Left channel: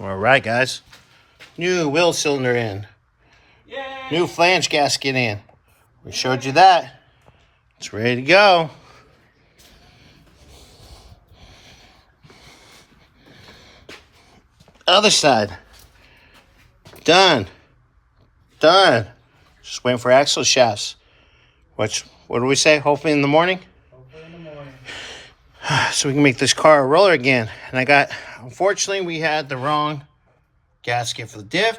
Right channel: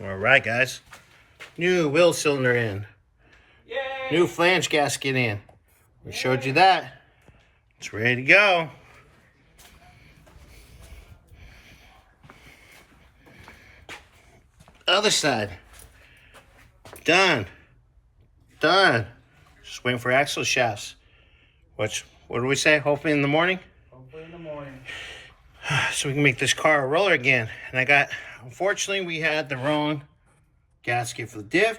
All right, guys. New wheel cylinder in. Yay! New flange gasket in. We showed you that. It's ready to go. Other side. Done. Done. Just waiting for axle shafts. What do we say? Hopefully in the morning? Hopefully in the morning. So we can make this car a roller again. And unfortunately, we had the wrong gasket for the diff.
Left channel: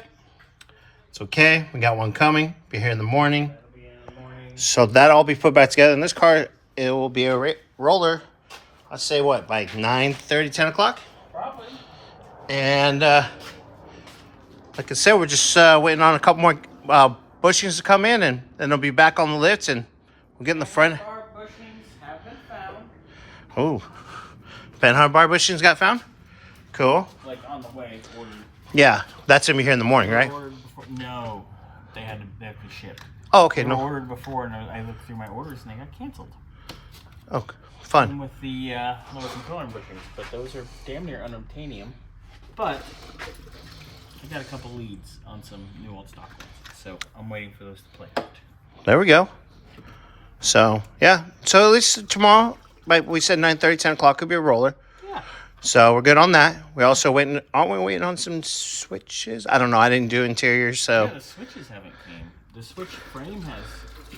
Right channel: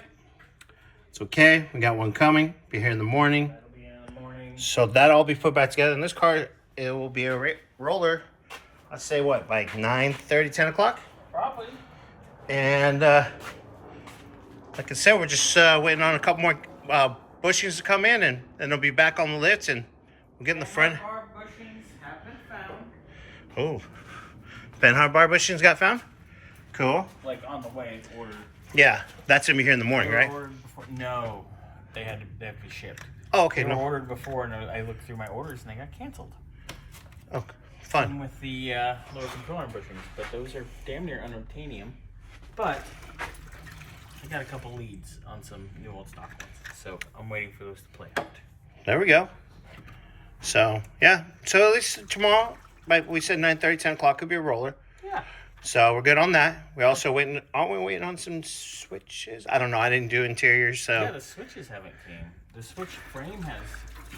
It's okay. We got one coming. Be here in the morning. That'll be in the morning. So that'll all be put back together. And this car, it will be a roller. I'd say what, like 9:30, 10 o'clock? Probably. And like I said, we're just waiting on a couple more bushings to come in, and then they'll be back on the lifts, and we'll get in the front. Bar bushings have been found. Oh, Penhard bar bushings got found? Cool. Like on the way, ordered. Yeah, that's gonna be here in the morning, They were right? Ordered before. No, they had to be shipped. Oh, okay. They were No. ordered before, and I looked through my orders, and they got canceled. Oh, Same fun. with the lower component bushings, but those are damn near unobtainium. But I got a couple leads on some new old stock ones, so I'm waiting for those to play out. There we go. So yeah, so at least tomorrow, like we said, 9:30, 10 o'clock could be a roller. Yeah. So we're good on that. We also aren't we waiting on some switches? I don't know. I didn't do interiors, so. Yeah, the switches haven't came. The switch frame has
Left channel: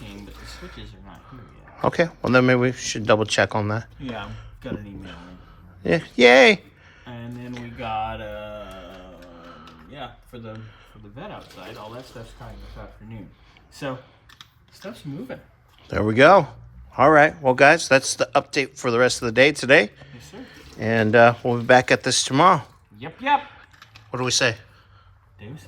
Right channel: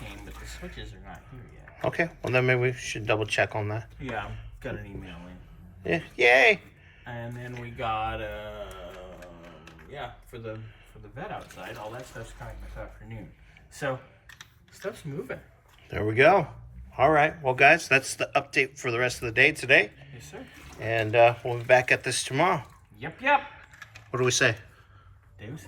came, but the switches are not here yet. Okay, well then maybe we should double check on that. Yeah, got an email in. Yeah, yay! And then we got for the vet outside, all that stuff's coming this afternoon. So stuff's moving. There we go. All right, well guys, that's the update for the rest of the day today, Yes, sir. and we'll be back at this tomorrow. Yep. What do we say? Deuces.